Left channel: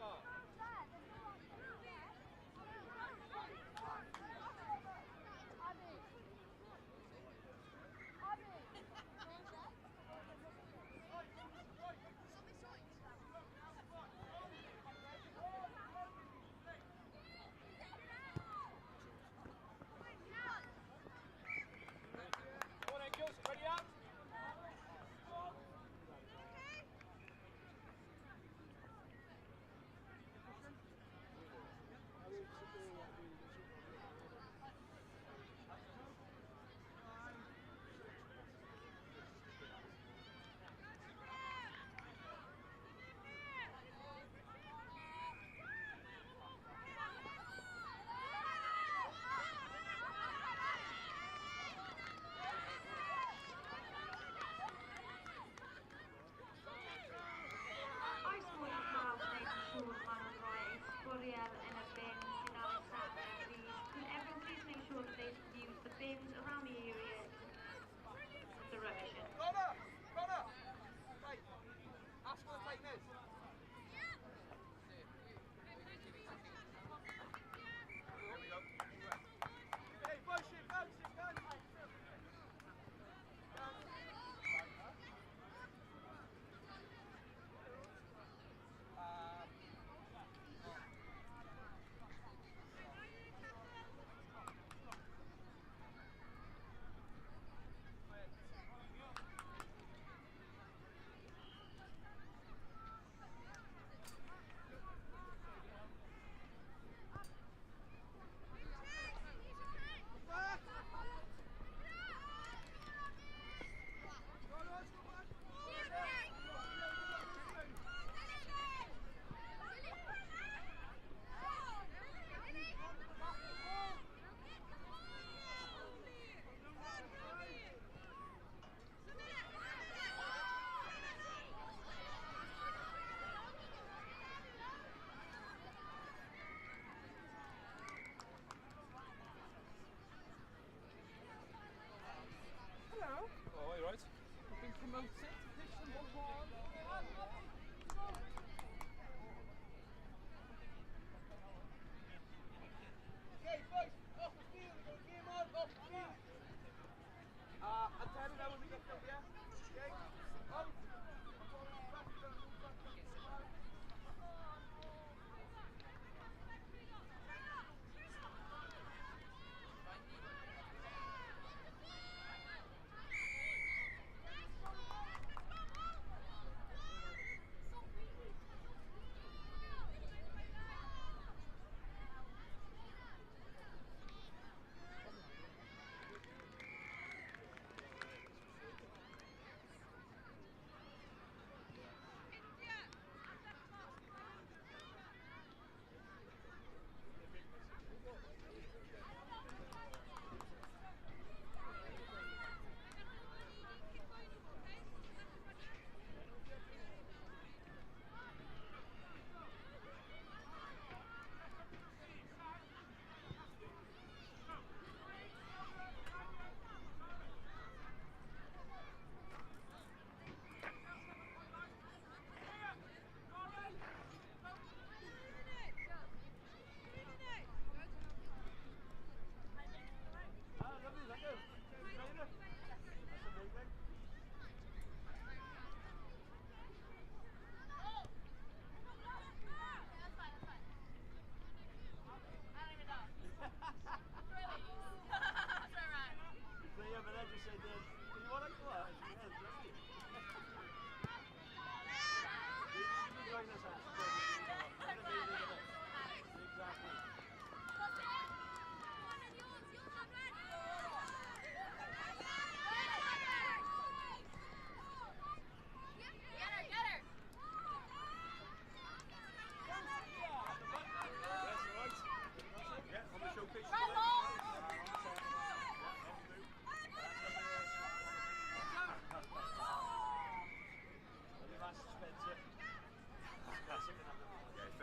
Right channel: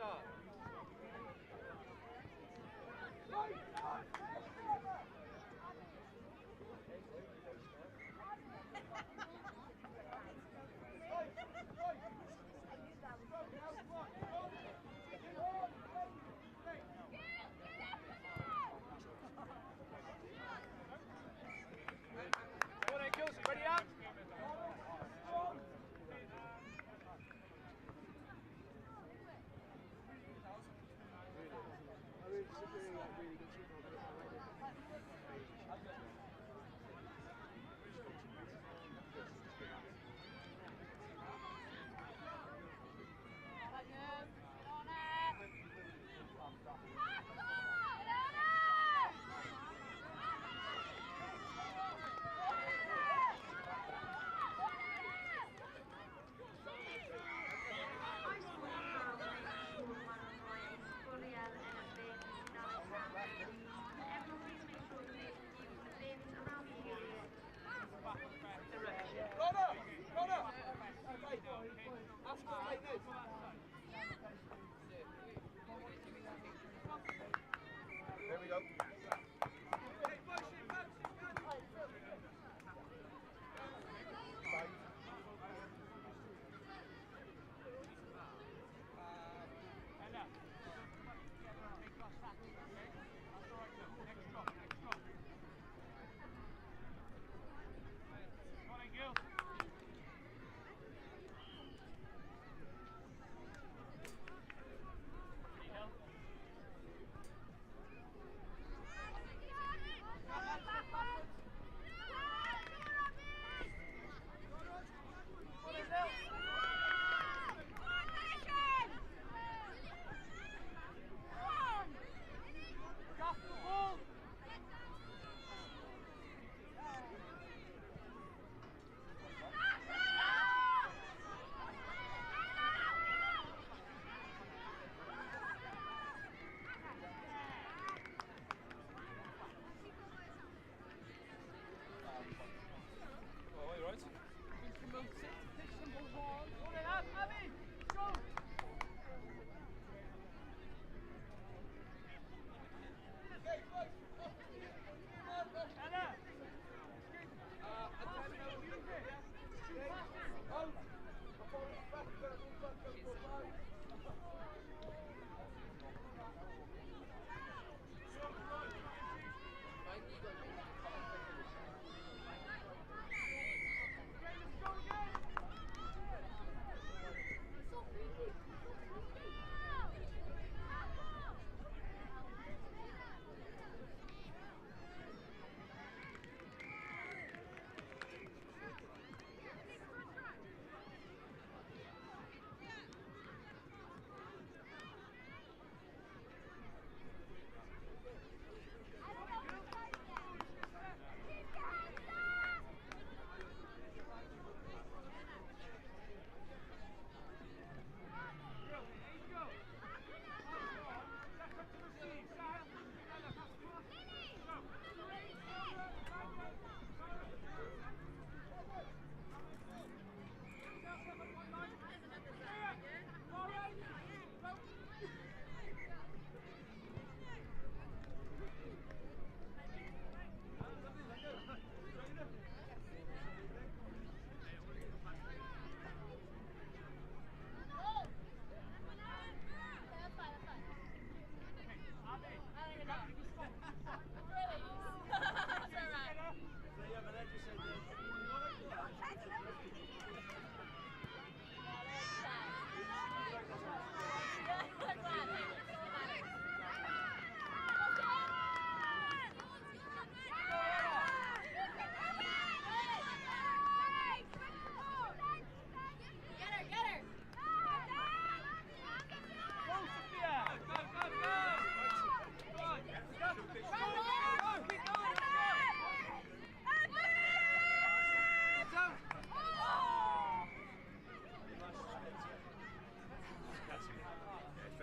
start. Come on, Kills, ready up? Really good shooter. There we go. Oh, you right? We've been promoted to pitch number 1. Okay, Abby, go! Okay, boys, off the field, Ella! Pass it, use it! Shoot passes!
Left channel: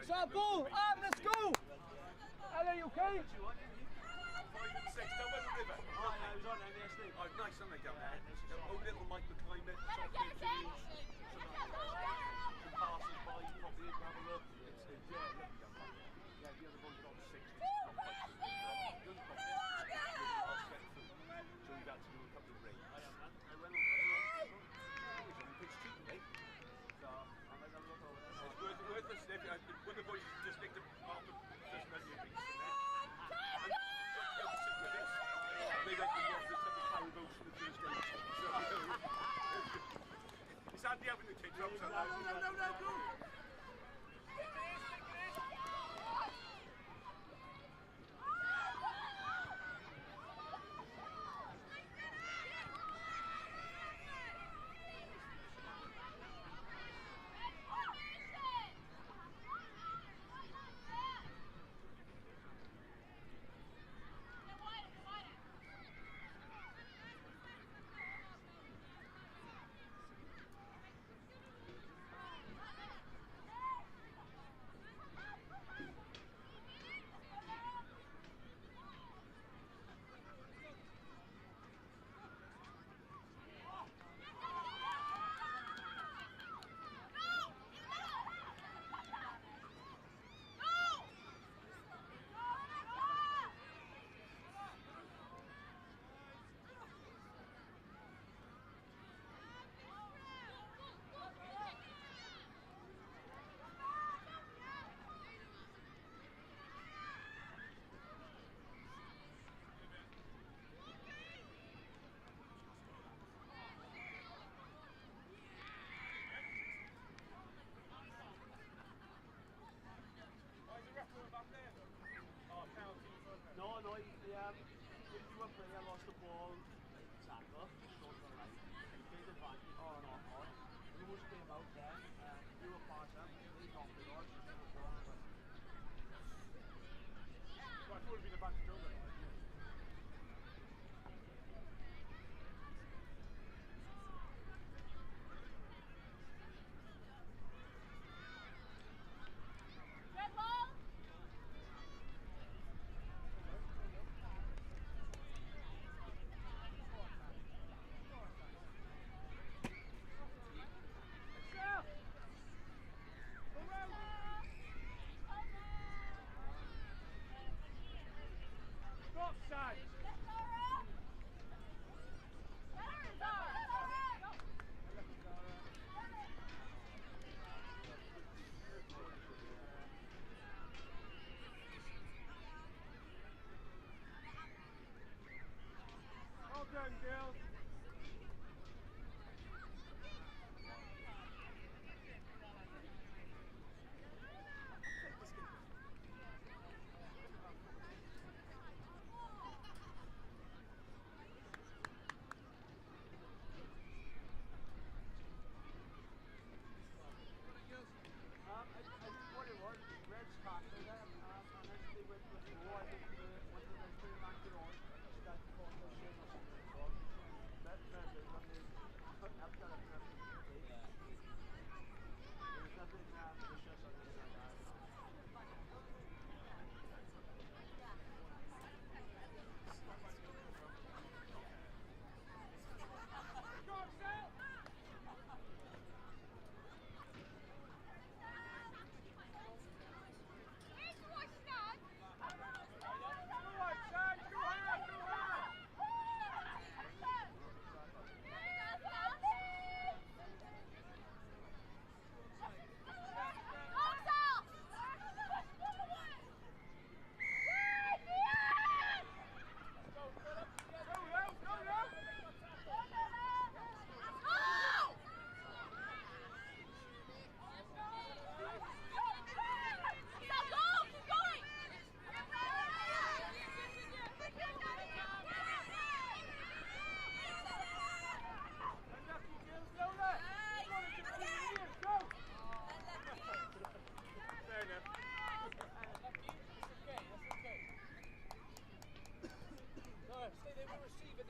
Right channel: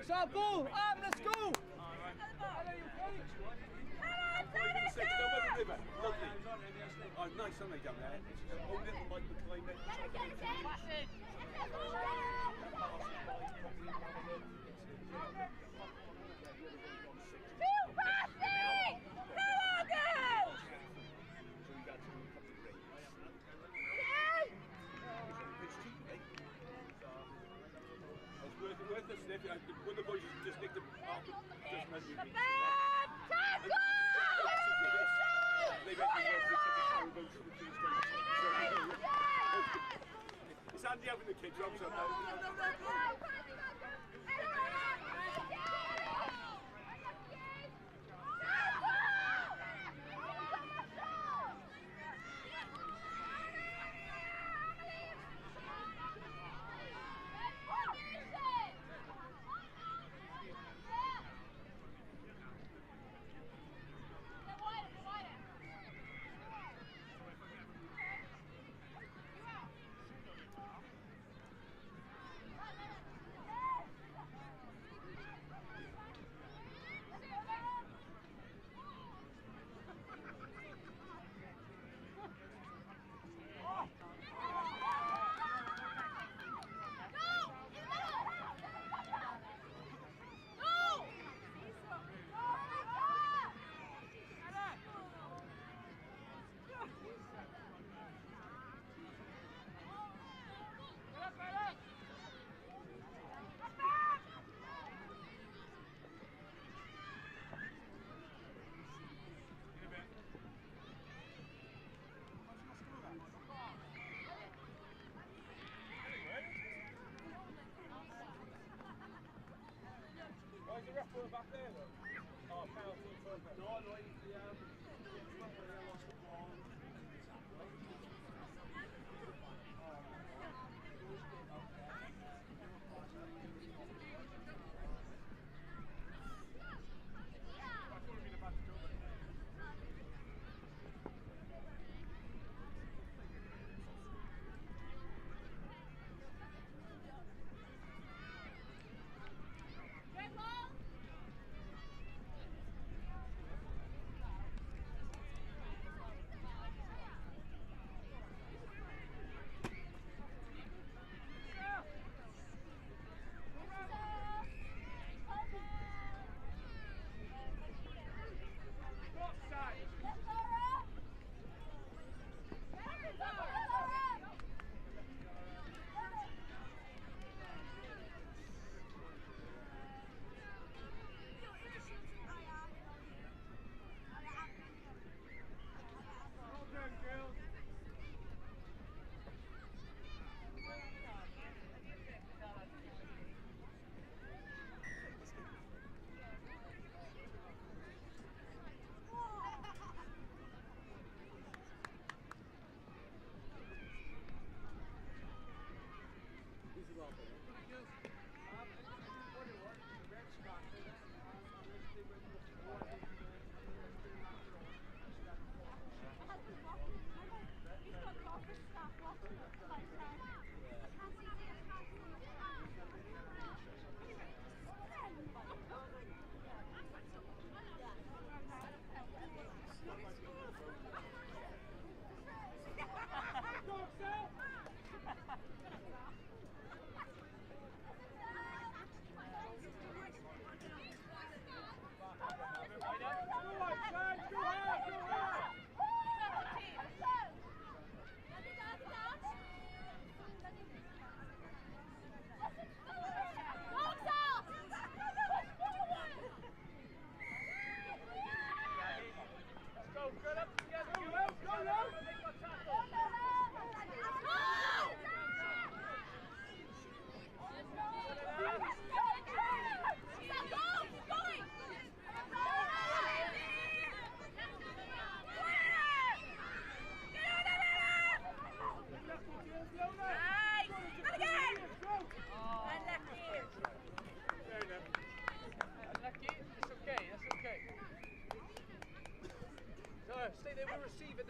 Start ball! Let's go! Hello, you okay?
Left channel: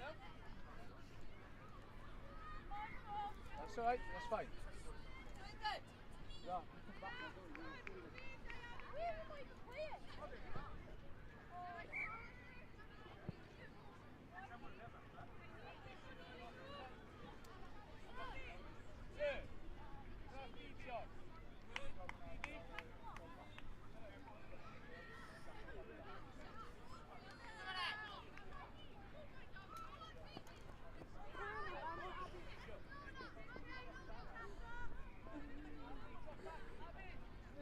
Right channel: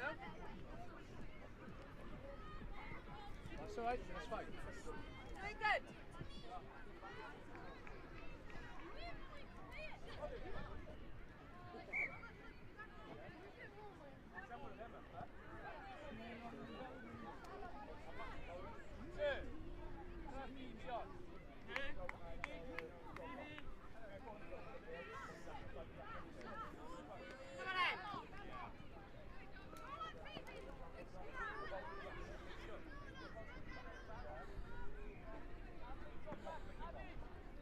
now. That's alright, that's fine. Very good. Yeah.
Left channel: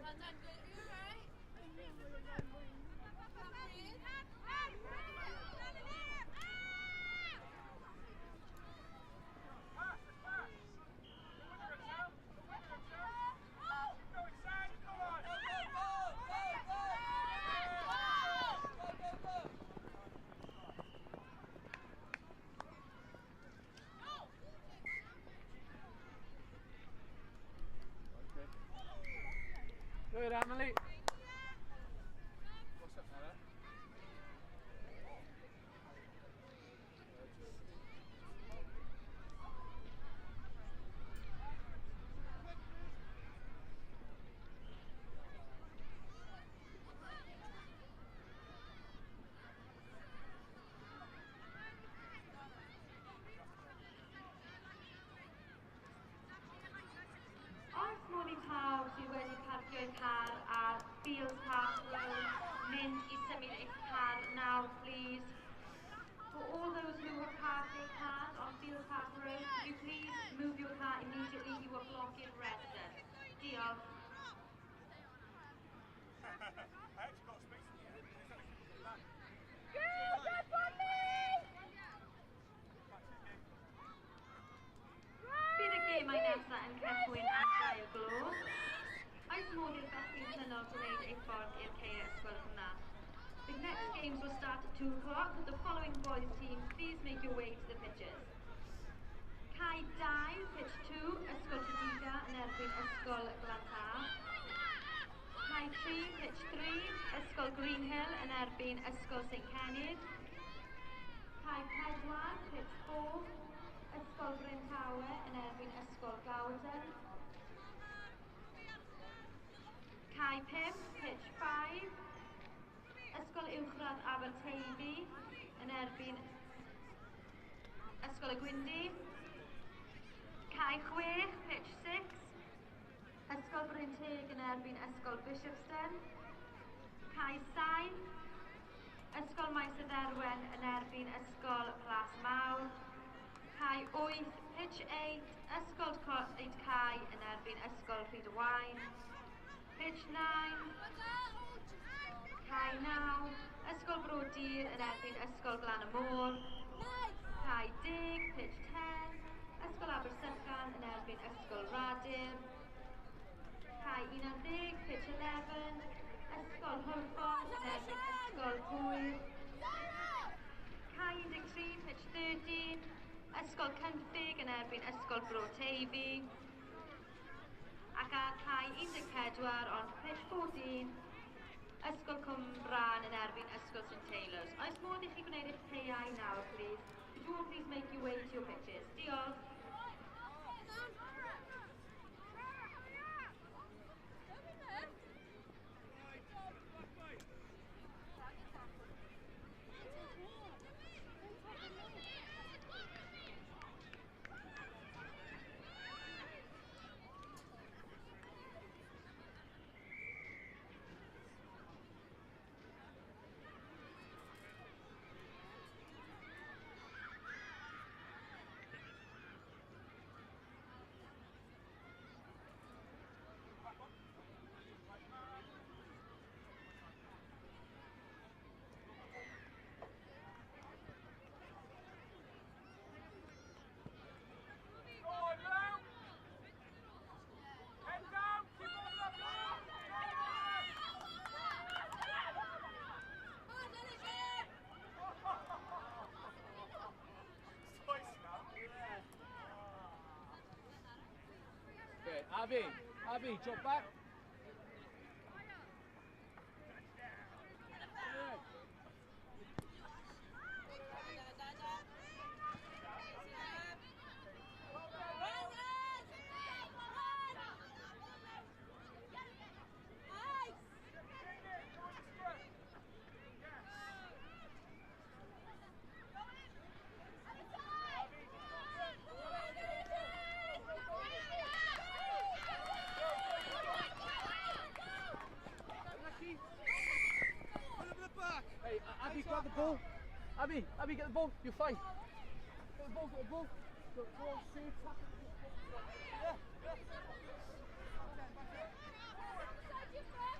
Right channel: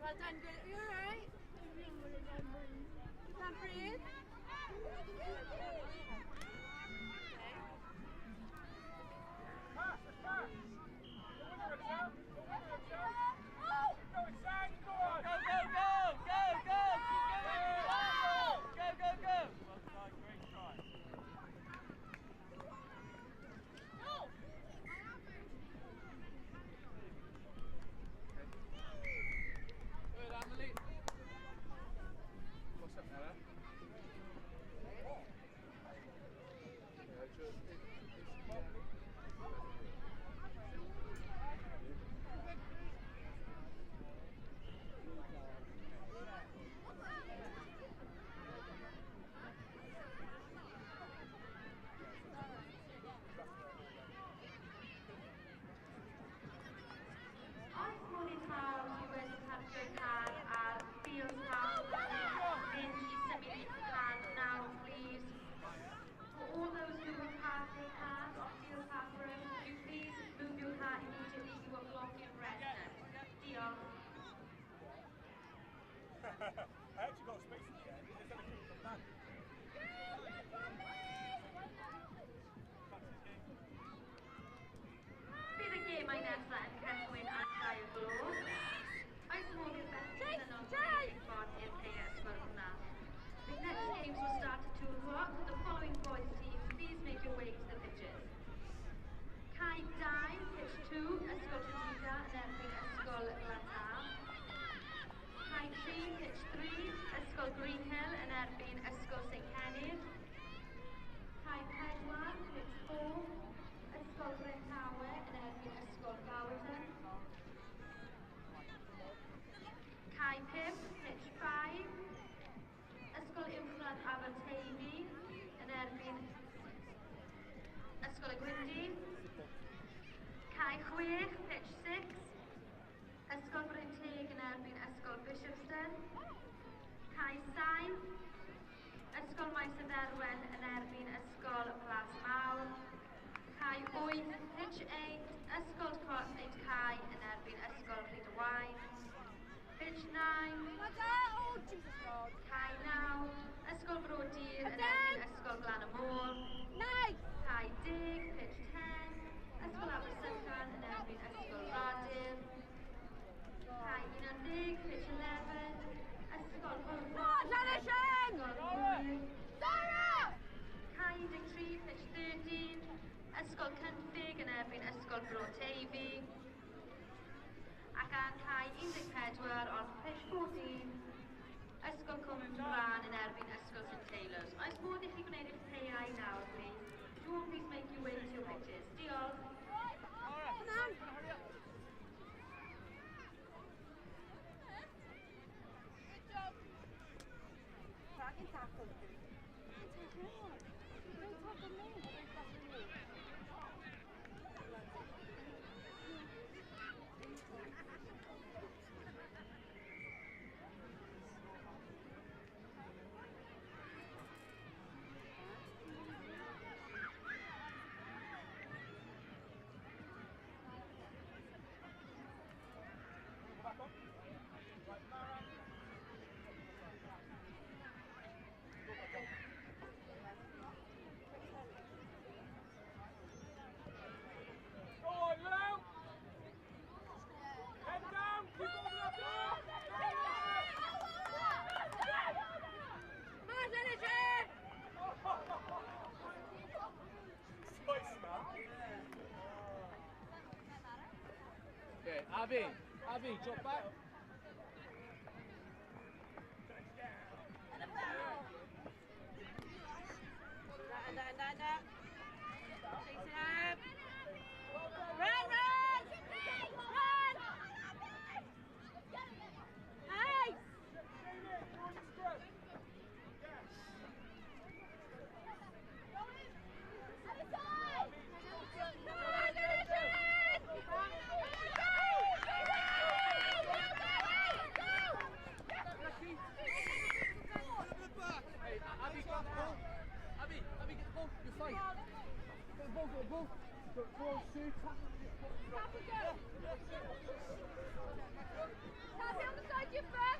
Well done, good. You alright? You can't breathe? Good, Emily. What's up, Mara? On Smalley Town, sy'n gwneud y parcio ein car ar Fields Pathway, mynd I symud eich car now, please. For all those who will park their cars on Fields Pathway, could you please move your car immediately you are blocking residents. Diolch. Bydd y gemau nesaf yn cychwyn ar y gloch. Oes modd i'r gallu dynol gwneud eich ffordd i'r lle ysgol hwnna. The next games will start at 2 o'clock. With the following boys team, please make your way to the pitches. Cai 2, pitch 2, Ysgol Caerdydd yn erbyn Ysgol Glanhaf. Cai 3, pitch 3, Ysgol Greenhill yn erbyn Ysgol St Kennydd. Cai 4, pitch 4, Ysgol Brynhawe yn erbyn Ysgol Gawden. Cai 5, pitch 5, Ysgol Uwchradd Aberteifi yn erbyn Ysgol y Gwyndy. Cai 6, pitch 6, Ysgol Bryn Teg yn erbyn Ysgol Bishopston. Cai 7, Ysgol Maes y Ddelwen yn erbyn Ysgol Blasmawr. Cai 8, pitch 8, Ysgol Coed Cai yn erbyn Ysgol Rhydwain. Pitch 9, Cai 9, Ysgol Brodyr yn erbyn Ysgol Glan y Môr. Cai 10, pitch 10, Ysgol Abersychan yn erbyn Ysgol Radyr. Cai 11, pitch 11, Ysgol Hwford yn erbyn Ysgol Hwyl. Cai 13, pitch 13, Ysgol Cynffig yn erbyn Ysgol Bro Teifi. Ac ar cai 14 on pitch 14, Ysgol Cwm Bran yn erbyn Ysgol St Taylors. Oes modd I chi gwneud eich playau nawr, please? Do please make your way to your pitches. Diolch. Okay, Abby, drop back. Abby, get the ball. You're fine. Get the ball, get the ball. Go on, Sue. Tap it. Tappy on the side of your foot.